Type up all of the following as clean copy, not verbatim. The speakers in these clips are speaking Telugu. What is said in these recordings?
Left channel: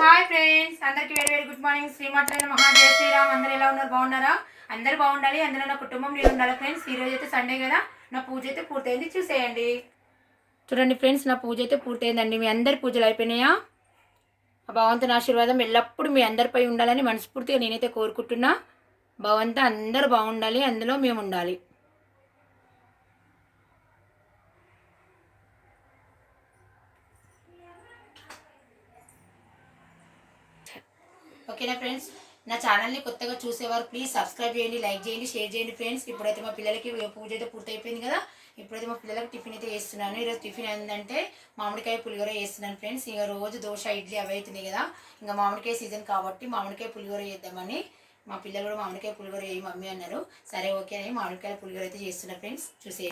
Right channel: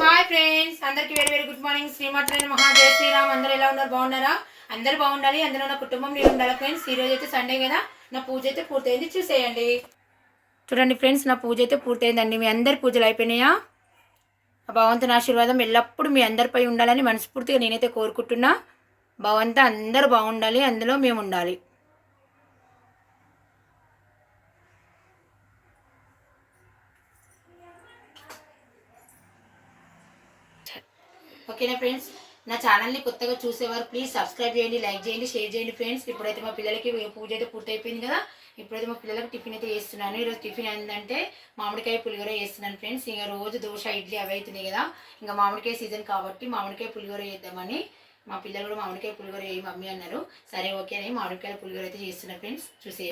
హాయ్ ఫ్రెండ్స్, అందరికి వెరీ వెరీ గుడ్ మార్నింగ్. శ్రీమాత్రే నమః. జై శ్రీరామ్. అందరూ ఎలా ఉన్నారు? బాగున్నారా? అందరూ బాగుండాలి, అందులో నా కుటుంబం నేను ఉండాలి. ఫ్రెండ్స్, ఈరోజు అయితే సండే కదా, నా పూజ అయితే పూర్తయింది. చూసేయండి. చూడండి ఫ్రెండ్స్, నా పూజ అయితే పూర్తయిందండి. మీ అందరి పూజలు అయిపోయినాయా? భగవంతుని ఆశీర్వాదం ఎల్లప్పుడూ మీ అందరిపై ఉండాలని మనస్ఫూర్తిగా నేనైతే కోరుకుంటున్నా. భగవంతా అందరూ బాగుండాలి, అందులో మేము ఉండాలి. ఓకేనా ఫ్రెండ్స్, నా ఛానల్ని కొత్తగా చూసేవారు ప్లీజ్ సబ్స్క్రైబ్ చేయండి, లైక్ చేయండి, షేర్ చేయండి. ఫ్రెండ్స్, ఇప్పుడైతే మా పిల్లలకి పూజ అయితే పూర్తయిపోయింది కదా. ఇప్పుడైతే మా పిల్లలకి టిఫిన్ అయితే చేస్తున్నాను. ఈరోజు టిఫిన్ ఏంటంటే మామిడికాయ పులిహోర చేస్తున్నాను ఫ్రెండ్స్. ఇంకా రోజు దోశ ఇడ్లీ అవి అవుతున్నాయి కదా, ఇంకా మామిడికాయ సీజన్ కాబట్టి మామిడికాయ పులిహోర చేద్దామని మా పిల్లలు కూడా మామిడికాయ పులిహోర చేయి మమ్మీ అన్నారు. సరే ఓకే అని మామిడికాయ పులిహోర అయితే చేస్తున్నాను ఫ్రెండ్స్. చూసే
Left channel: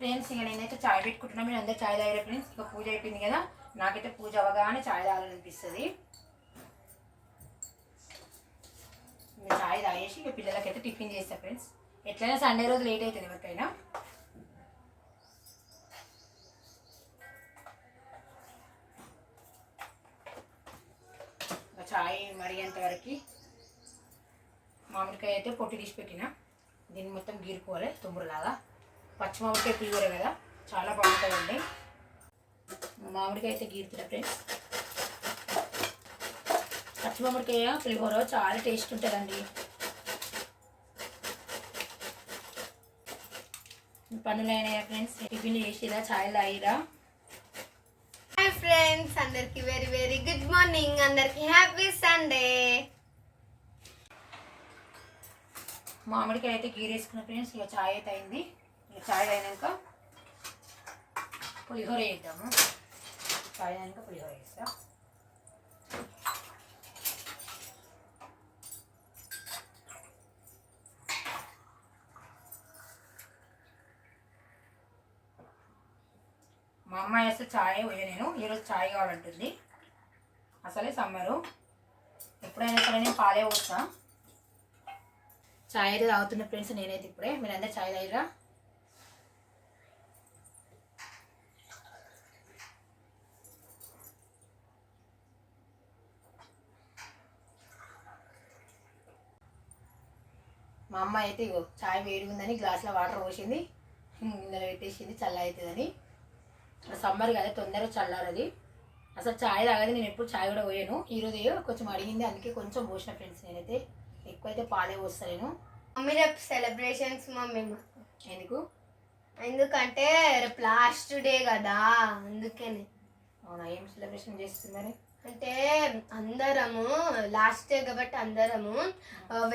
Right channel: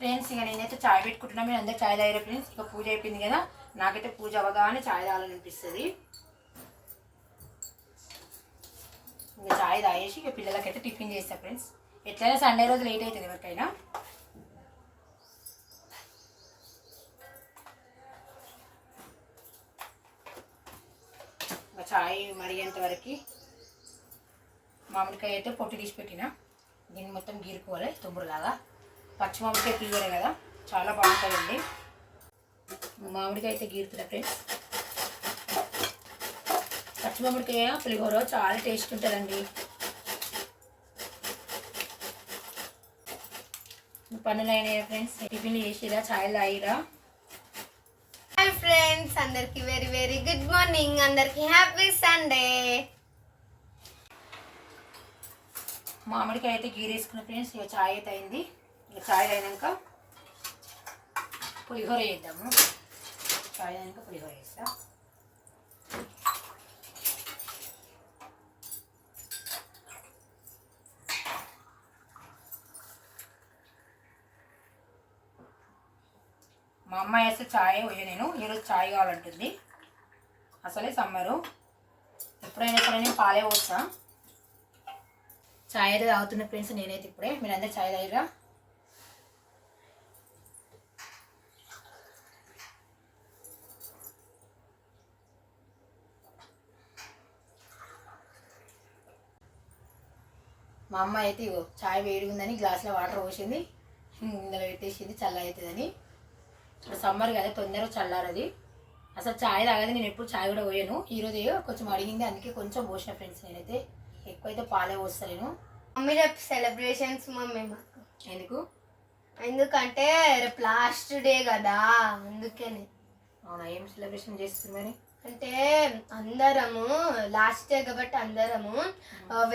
ఫ్రెండ్స్, ఇంకా నేనైతే చాయ్ పెట్టుకుంటున్నాను. మీరు అందరూ చాయ్ తాగారు ఫ్రెండ్స్. ఇంకా పూజ అయిపోయింది కదా, నాకైతే పూజ అవగానే చాయ్ తాగాలనిపిస్తుంది. ఇంకా చాయ్ తాగేసి ఇక పిల్లలకైతే టిఫిన్ చేస్తాను ఫ్రెండ్స్. ఎట్లయినా సండే రోజు లేట్ అవుతుంది ఎవరికైనా. ఇంకా చాయ్ మరిగేంత వరకు మామిడికాయ అయితే పొట్టు తీసి పెట్టిన, దీన్ని మొత్తం గీరుకోవాలి తొందరలాగా. పచ్చి మామిడికాయ పులిహోర కదా, చాలా బాగుంటుందండి. మామిడికాయ అయితే గీరుతున్నా ఫ్రెండ్స్. పచ్చి మామిడికాయ పులిహోర చాలా టేస్ట్ ఉంటుందండి. పనులు అయినాయా ఫ్రెండ్స్? టిఫిన్లు చేసిరా, ఛాయలు తాగిరా? హాయ్ ఫ్రెండ్స్, అందరికి వెరీ వెరీ గుడ్ మార్నింగ్. అందరికి హ్యాపీ సండే. మామిడికాయ అయితే గీరేసుకున్న ఫ్రెండ్స్. ఇక ఛాయ్ అయితే అయింది. ఇక ఛాయ్ అయినాక పులిహోర వేద్దాము. ఛాయ్ అయినాక పులిహోర వేస్తా. మా అమ్మాయి వేస్తే ఛాయ్ పోయా, నేను ఈరోజు ఛాయ్ కావాలంటుంది. అసలే సమ్మరు, ఎప్పుడైనా సరే నేను పాలే పోస్తా. ఛాయ్ అయితే తాగుతున్న ఫ్రెండ్స్ నేనైతే ఇప్పుడే. మీరందరూ ఛాయ్ తాగిరా? మా అమ్మాయి అయితే ఇగో ఛాయ్ వేడిగా ఉందని గ్లాసులో వాటర్ పోసింది, ఇందులో పెట్టేసింది చల్ల అవుతుందని. ఇప్పుడు సమ్మర్ కదా, తొందరగా చల్లారది. అసలు ఛాయ్ తాగదు, నేను ఎప్పుడు ఛాయ్ కూడా పోయాను. ఈరోజు కొంచెం అడిగింది, అందుకే కొంచెం పోసిన ఫ్రెండ్స్. నేనైతే ఎక్కువైతే పాలే పోస్తాను. మమ్మీ రేపు సెలబ్రేషన్స్ మమ్మీ మాకు. ఎందుకంటే రేపు లాస్ట్ డే కదా, అందుకని. అవునా, ఏం సెలబ్రేషన్ చేస్తున్నారు? అంటే అందరము లాస్ట్ డే కాబట్టి అందరము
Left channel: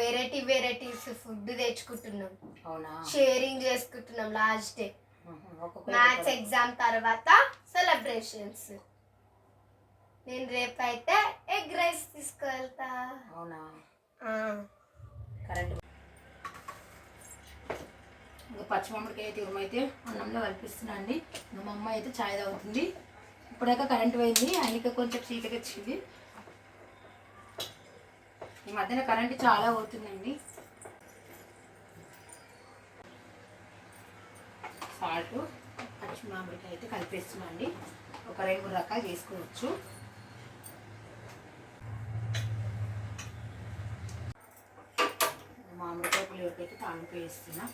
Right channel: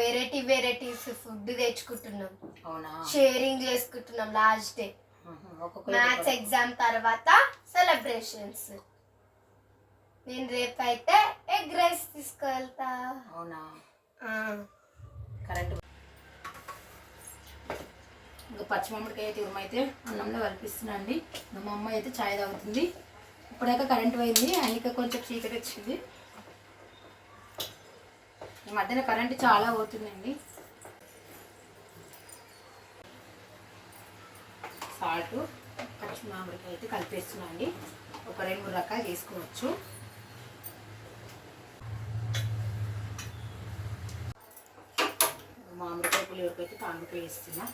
వెరైటీస్ ఫుడ్ తెచ్చుకుంటున్నాం. అవునా, షేరింగ్ చేసుకుంటున్నాం లాస్ట్ డే. మ్యాథ్స్ ఎగ్జామ్ తర్వాత సెలబ్రేషన్స్. నేను రేపు అయితే ఎగ్ రైస్ తీసుకెళ్తా. అవునా, కరెక్ట్. ఇంకా పచ్చి మామిడికాయ అయితే ఉరుమైతే అన్నంలో కల్పిస్తున్నా అండి. మా అమ్మ అయితే ఛాయ్ తాగుతుంది. ఇప్పుడాక కరెంట్ పోయింది, అందుకే కొంచెం చీకటి వచ్చింది. ఈ మధ్యన కరెంట్ చాలా పోతుందండి. సాల్ట్ పచ్చి మామిడికాయ అయితే కలిపేస్తున్నా అండి. ఒక 2-3 రకాలు చేసుకోవచ్చు. మామిడికాయ పులిహోరకి అయితే తాలింపు వేస్తున్నా.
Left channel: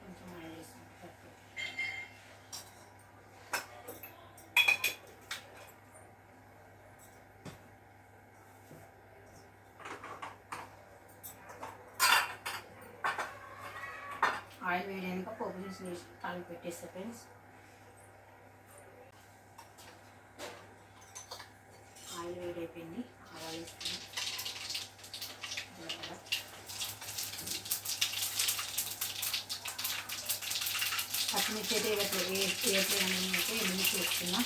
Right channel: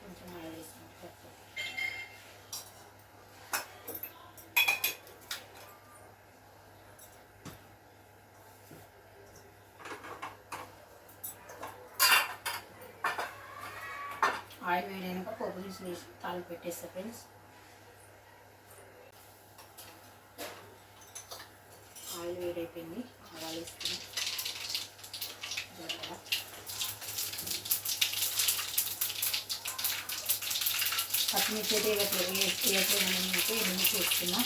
కొంచెం ఆయిల్ వేస్తున్నా. ఆయిల్ వేయడానికి పోపు దినుసులు వేసి తాలింపు పెట్టేస్తా ఫ్రెండ్స్. ఆయిల్ వేడైపోయింది, ఆవాలు వేసుకుని పచ్చిమిర్చి అయితే వేయట్లేదు అయితే ఎండుమిర్చి వేస్తున్నా.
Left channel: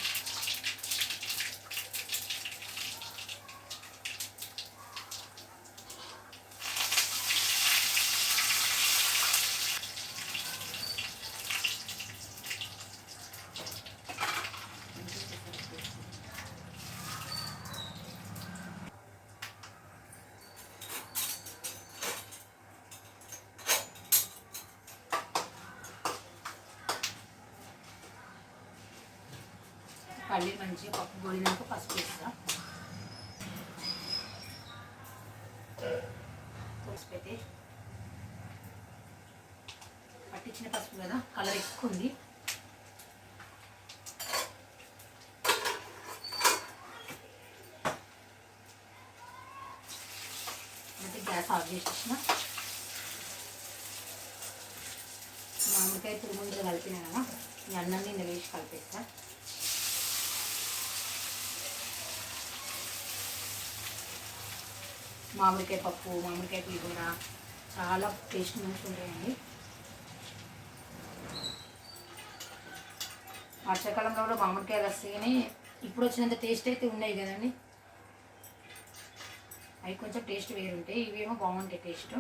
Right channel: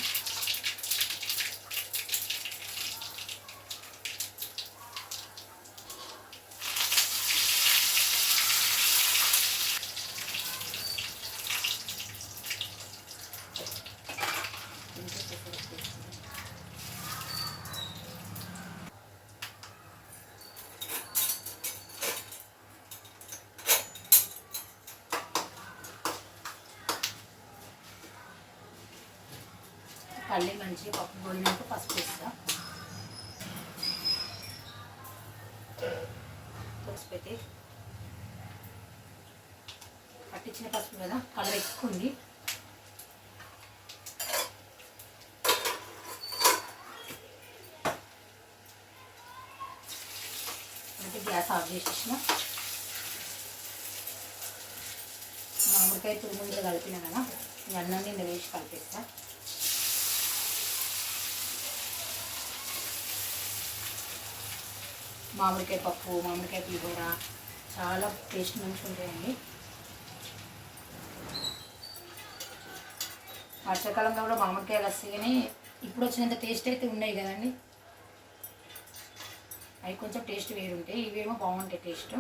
పల్లి మంచిగా పప్పు గోలినాక పసుపు వేస్తా. పసుపు అయితే పట్టించిన పసుపు కదా, కలర్ ఎక్కువ ఉంది. అంటే గ్యాస్ ఆఫ్ చేసేసిన. మామిడికాయ తురుముందులో కలిపినా కదా, ఈ అన్నాన్ని ఇందులో వేసి కలిపేస్తా. మామిడికాయ పప్పు, మామిడికాయ పులిహోర చాలా టేస్ట్ మంచిగా ఉంటాయండి. వర్షాకాలంలో కూడా మామిడికాయలు వస్తాయి, కానీ ఇప్పుడు వచ్చినంత టేస్ట్ అయితే ఉన్నాయి కదండి. అవి కొంచెం టేస్ట్ వేరుంటాయి, ఇవేమో బాగుంటాయి టేస్ట్.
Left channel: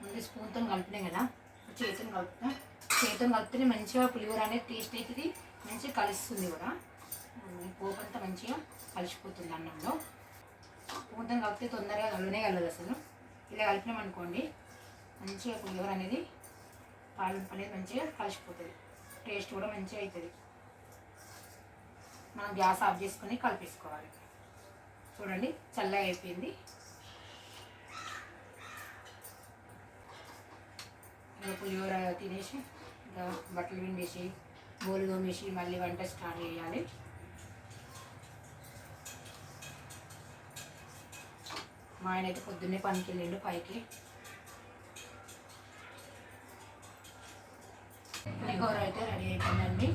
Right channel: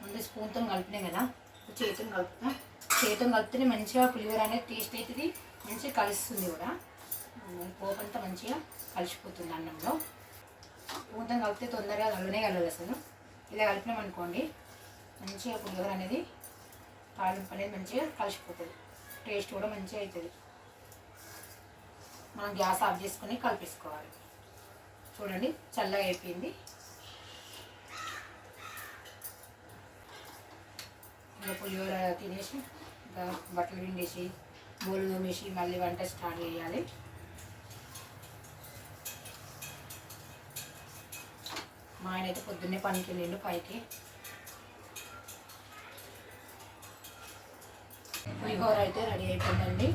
ముందు స్పూన్తో కలిపినాం కదా, చేతిని కలుపుతా. చేతిని కలిపితే మంచిగా పులిహోర అనేది టేస్ట్ అవుతుంది, మంచిగా కలుస్తుంది కూడా. పోపంతా మంచిగా కలిసిపోతుంది అన్నంలో. స్పూన్తో కలిపితే తొందరగా కలవనే కలదు అసలు. ఇలా కలిపినాం అనుకోండి, మంచిగా పులిహోర అనేది తాలింపు అనేది మంచిగా కలిసిపోతుంది, టేస్ట్ కూడా మంచిగా అవుతుంది. మనం గ్యాస్ ఆఫ్ చేసుకొని కలిపేసుకోవాలి. చూడండి చల్లగా అయిపోయింది. ఇంకా పులిహోర తినేసి ఇంకా బట్టలు పిండేసి బోలు తోమేసి మళ్ళీ వంట స్టార్ట్ చేయాలి. మా ఆయన అయితే పొద్దున్నే పనికి వెళ్ళిండు పైకి. పులిహోర అయితే రెడీ అయిపోయిందండి.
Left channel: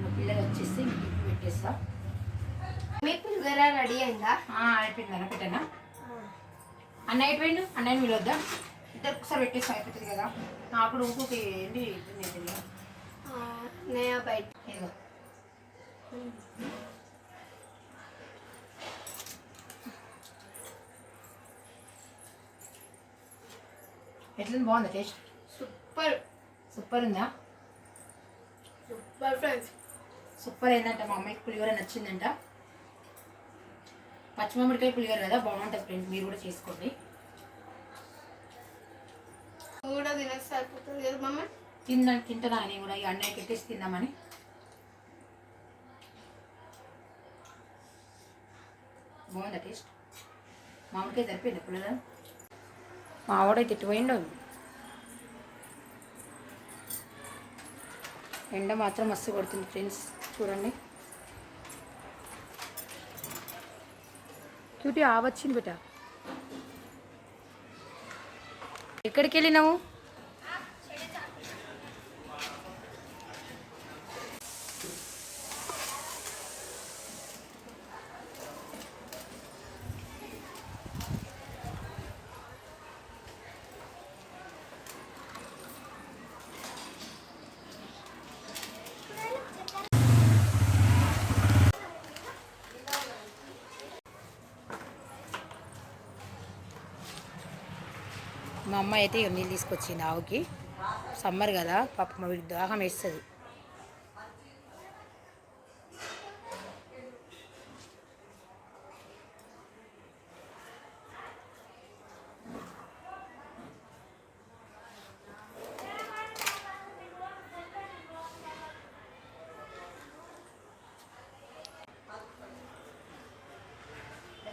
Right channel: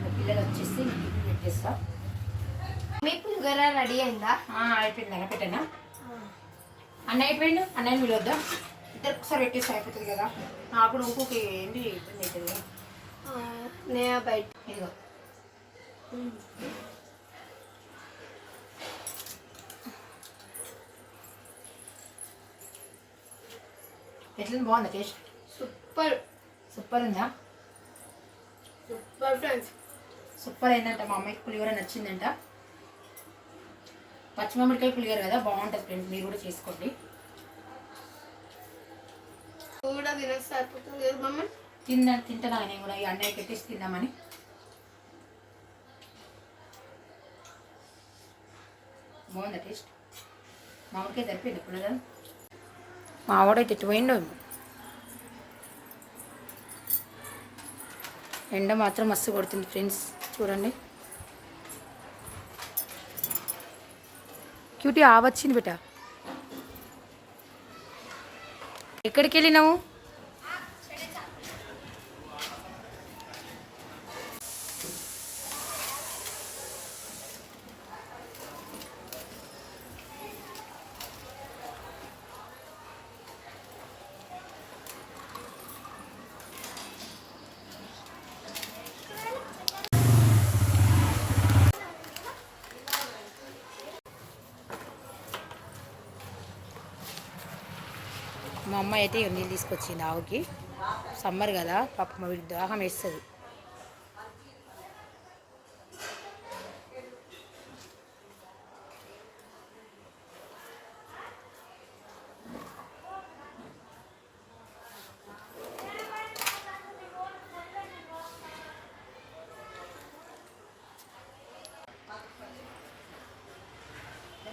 మా పిల్లలు వచ్చేసి గిఫ్ట్ పెట్టేస్తా. మీ పులిహోర రెడీ అయిందా? అయిపోయింది అన్న, పెట్టానా? అన్న అయిపోయిండు, అన్నయ్యని పిలవద్దా? ఇద్దరు ఒకసారి పెట్టేస్తే అయిపోతుంది కదా. నాకు ఊపుకి ఏంటి ఇబ్బంది అవుతుంది కదా. నేను బయట ఇదిగో ఎట్లా బాగుందా టేస్ట్? సూపర్ సూపర్ ఉందా? సూపర్ ఫ్రెండ్స్, సూపర్ అయిందంట. మా అమ్మాయికి పులిహోర నచ్చిందంట. పచ్చిమామిడికాయ పులిహోర కదా, బాగుంటుంది ఫ్రెండ్స్, మీరు కూడా చేసుకోండి. కూడా తినేసి సరిపోతుంది కదా మమ్మ. తింటానా నేను కూడా, ఈ అన్నయ్య పెట్టేసి తిందామని. బాగుందా టేస్ట్? మామిడికాయ సరిపోయింది పులిహోర. మా ఆవిడైతే తిట్టిపోయిండు. ఎండ మాత్రం మస్తు కొడుతుంది ఫ్రెండ్స్, చూడండి. క్యూటీ ఆవచ్చింది బిడ్డ. ఎక్కడికి వెళ్ళినావు? మా అమ్మ అయితే నీళ్ళు తీసుకొచ్చింది ఆవుకి. సమ్మర్ కదా, పాప మా వీడికి దాహం వేస్తుంది.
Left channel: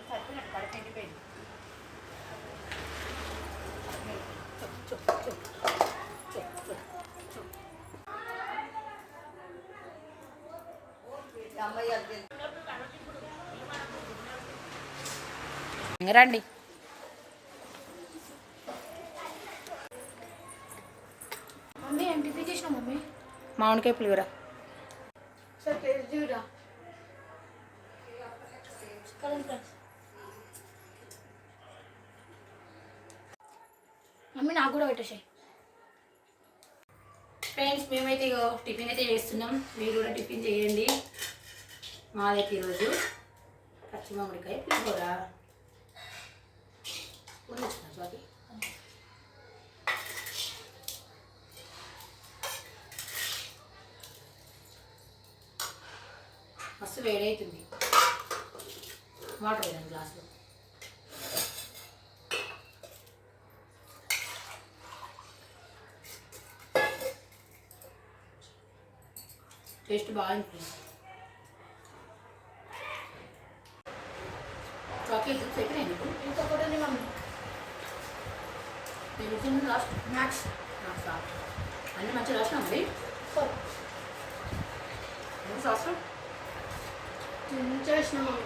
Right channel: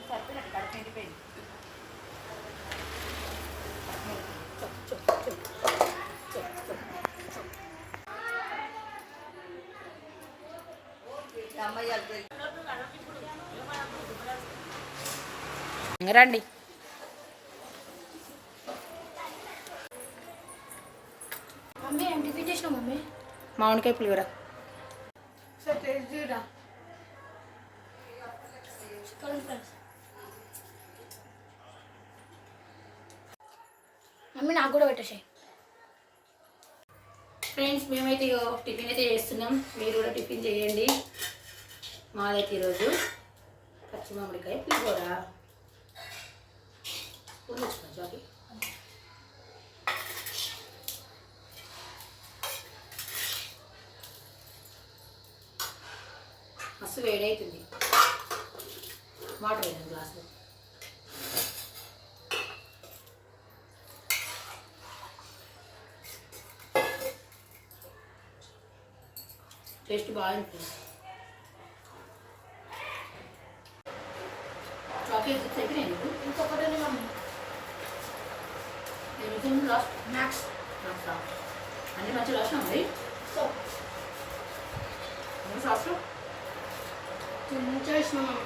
సరిపోయినట్టు కడుపు ఎండిపోయింది. రండి. మమ్మీ ఏం టిఫిన్ చేసినావు మమ్మీ? మామిడికాయ పులిహోర. సార్ టేస్ట్ చూడరా. మమ్మీ నాకు కూడా పెట్టేసాయి. ఫ్రెండ్స్ మేమైతే టిఫిన్ అయితే చేస్తున్నాం, మీరు కూడా టిఫిన్ చేయండి. మాదైతే ఈరోజు పచ్చి మామిడికాయ పులిహోర. మస్తు వేడవుతుంది. వాటర్ వేయాలి గ్లాస్లో. టేస్ట్ బాగుంటుంది. చాక్లెట్ చిప్స్ అయిపోయినాయి నీకు? ఇంకొకటి మమ్మీ లాస్ట్ మ్యాక్స్ అన్నీ మంచిగా రాసినా మరి శాస్త్రం చేసిన మమ్మీ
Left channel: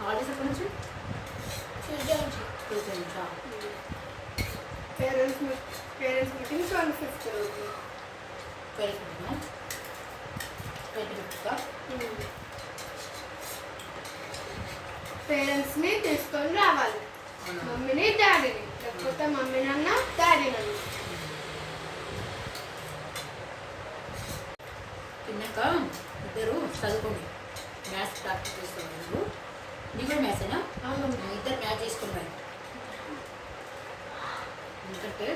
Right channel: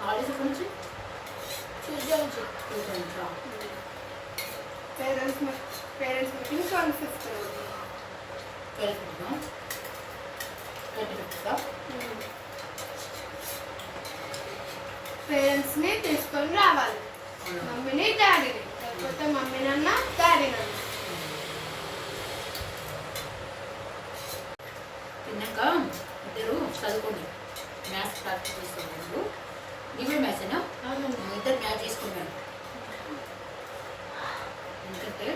హాలిడేస్ ఎక్కడి నుంచి? ట్యూస్డే నుంచి పేరెంట్స్ మీటింగ్ 25th పేరెంట్స్ని తీసుకొని రావాలి, మమ్మీని డాడీని, లేకపోతే మమ్మీ నాన్న డాడీ నాన్న. తిన్నాక ఇద్దరు చదువుకోండి. మ్యాథ్స్ ప్రాక్టీస్ చేసుకోండి. నువ్వు నీ కూడా మ్యాథ్సేనా? ఇద్దరు మ్యాథ్స్ చేసుకుంటారు. ఎందుకంటే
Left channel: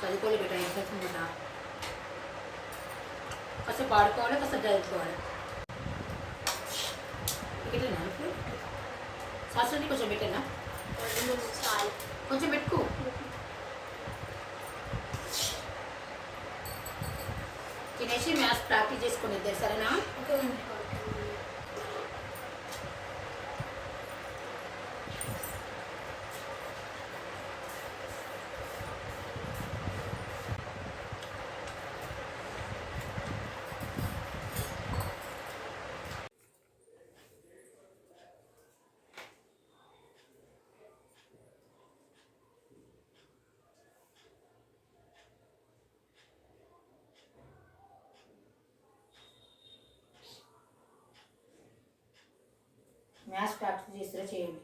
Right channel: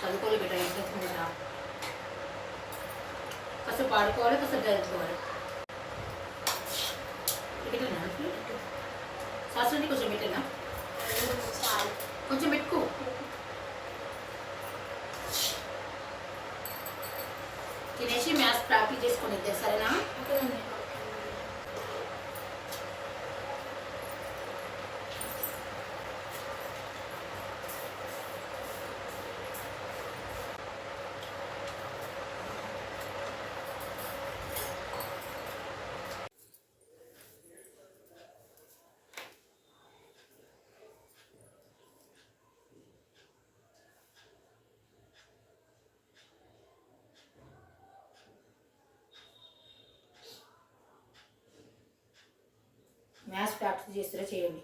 చదువుకోవాలి బెటర్ ఎగ్జామ్స్ కూడా. కాస్త పాడుకోవాలి, కాస్త చదువుకోవాలి. పెట్టేనా శాస్త్రాన్ని కొంచెం పెట్టేనా? కొంచెం పెట్టుకో. తినేసి మ్యాథ్స్ ప్రాక్టీస్ చేసుకుని ఇద్దరు, సరేనా? మ్యాథ్స్ ప్రాక్టీస్ చేస్తారా చేయండి.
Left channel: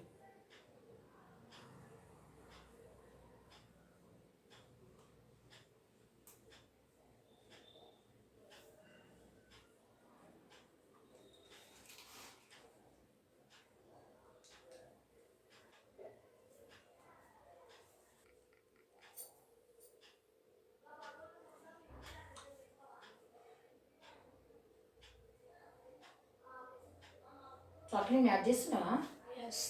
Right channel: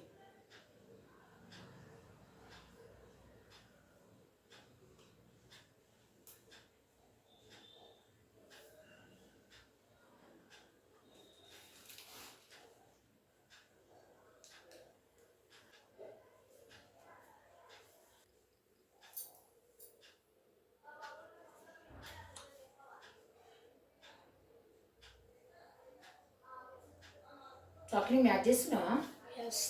చాక్లెట్ మ్యాచ్ చేస్తున్నావా? ఎస్.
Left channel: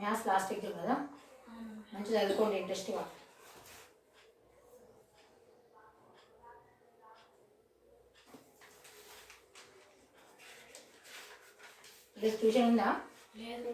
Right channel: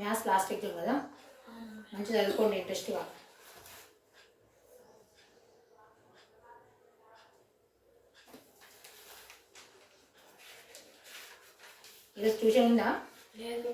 మ్యాథ్స్ లాస్ట్ ఎగ్జామ్ కదా, మంచిగా చదువుకోండి ఇంట్రెస్ట్గా. ఈరోజు ట్యూషన్ ఉందా? లేదు.